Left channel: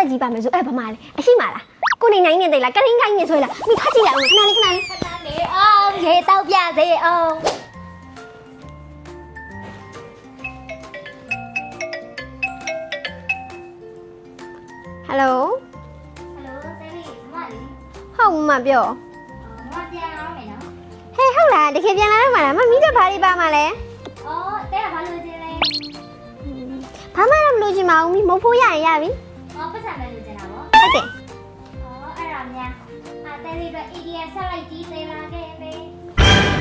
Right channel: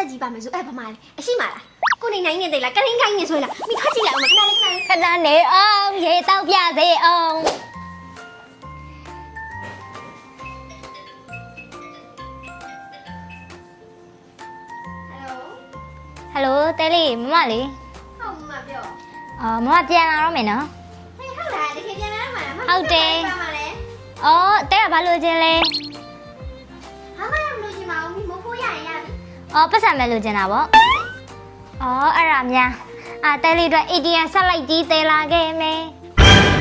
ဆက်ကြီးပါမယ်ဆိုအဲ့ဘာမှလဲအရှိမလားကိုနေနိုင်နေတယ်လားကရင်ခိုင်းနေဆိုလားမိထားကြည့်ရအောင်ခဏလေးခဏနေအောင်ရေတောက်ပြစေအောင်ဟယ်လိုတဲလေးမမလေးဟုတ်မမပြောမမပြန်လာတော့မယ်နော်ဟဲ့ဟုတ်လားတကယ်ပြန်လာတော့မှာလားမမကဘာလေးပါမှာလဲတဲကဘာလို့ခြင်းလဲဘာမှမလို့ခြင်းမအောင်မဖို့ရရင်ရပြီပတ်စံမဲ့လို့ခြင်းတာပေါ့ဟုတ်တယ်အဲ့ဒါများတဲလေးအတွက် ATM ဆက်လိုက်ကြီးတဲလာခဲ့မယ်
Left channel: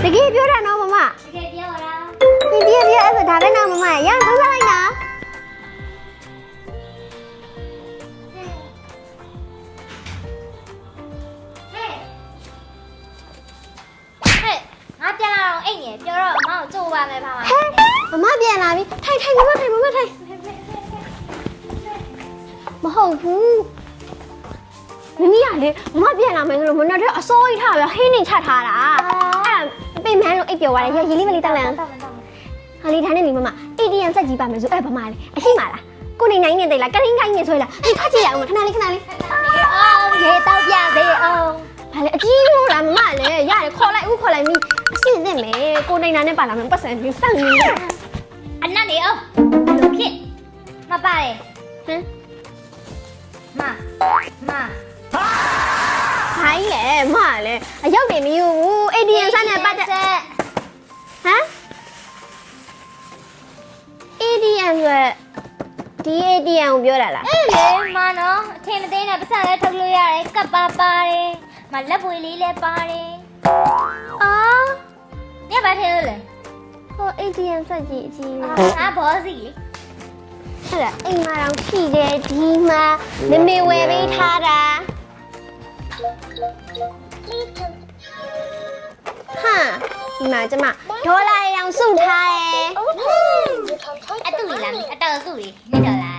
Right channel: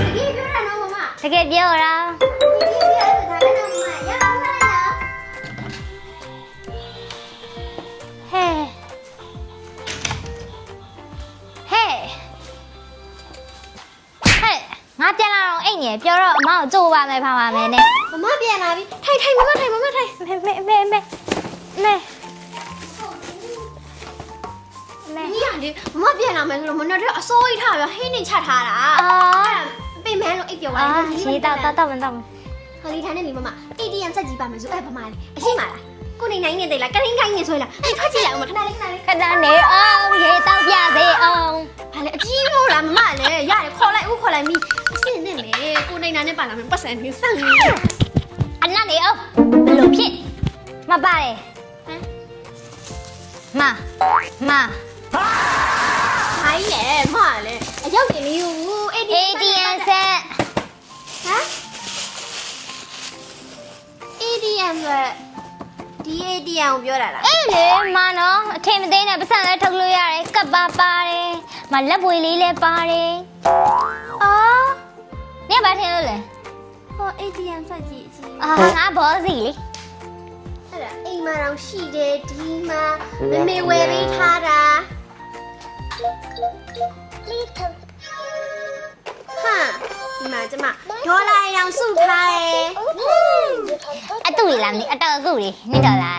တကယ်ပြောတာနော်မမတကယ်ပြောတာ ATM ပြောအဲ့ဒါပဲနော်မမရအောင်ဆက်လိုက်နော်ဟဲ့ငါပြန်လာတော့အိတ်နေပြောတော့အမကိုကြိုးပါမယ်ဖာပါမယ်နဲ့မမပြန်လာပြီထိုင်မမထိုင်မေမဟုတ်ဘူးမမရလေမမပြန်လာမယ်ဆိုတော့မနေ့ကအစိုးရထားပြီးဟင်းနေချက်ထားတာအဲ့ပိတ်မန်းလို့အိတ်ပြောသွားတယ်ရင်းနှီးမလေးတောက်ဟာလီထိုင်နေပြီမမ ATM ဆက်ကြီးပါမယ်ဆိုအဲ့ဘာမှလဲအရှိမလားကိုနေနိုင်နေတယ်လားကရင်ခိုင်းနေဆိုလားအဲ့ထားကြည့်ရအောင်ခဏလေးခဏနေအောင်ရေတောက်ပြစေအောင်ဘာလဲအကြီးလို့လားမမလည်းရတယ်ခေါ်လိုက်ဦးခေါ်လိုက်မိအစ်စ်နဲ့လေကိုနေနိုင်နဲ့ပါလာမယ်ပတ်စံနေစောက်နေအနက်နေအောင်ဘယ်လိုဖြစ်မပါတယ်ဟမ်မခိုင်းနေမလည်းအရောက်နေမယူဘူး ATM ဆက်နေပတ်ဆက်ဟမ် ATM ဆိုဒီ ATM ကိုပြောတာလားအေးလေမနော်အထင်မသေးနဲ့ပတ်စံလည်းထုတ်လို့ရတယ်ကပ်ပါတယ်မလက်ပွေလေးလည်းပါတယ်နေဘာထင်လို့လဲဟော ATM ဆက်ကြည့်အကြီးငါဘောစီလေဟုတ်လားအိမ်မှာတော့ရှိတယ်ဒီမှာမေဝယ်ပေးထားတာဟာဒီမှာကျမဒေါ်လာရောင်စုထားရဲ့အတူကြီးလားမင်းအတော်အခုလေနေဒေါ်လာ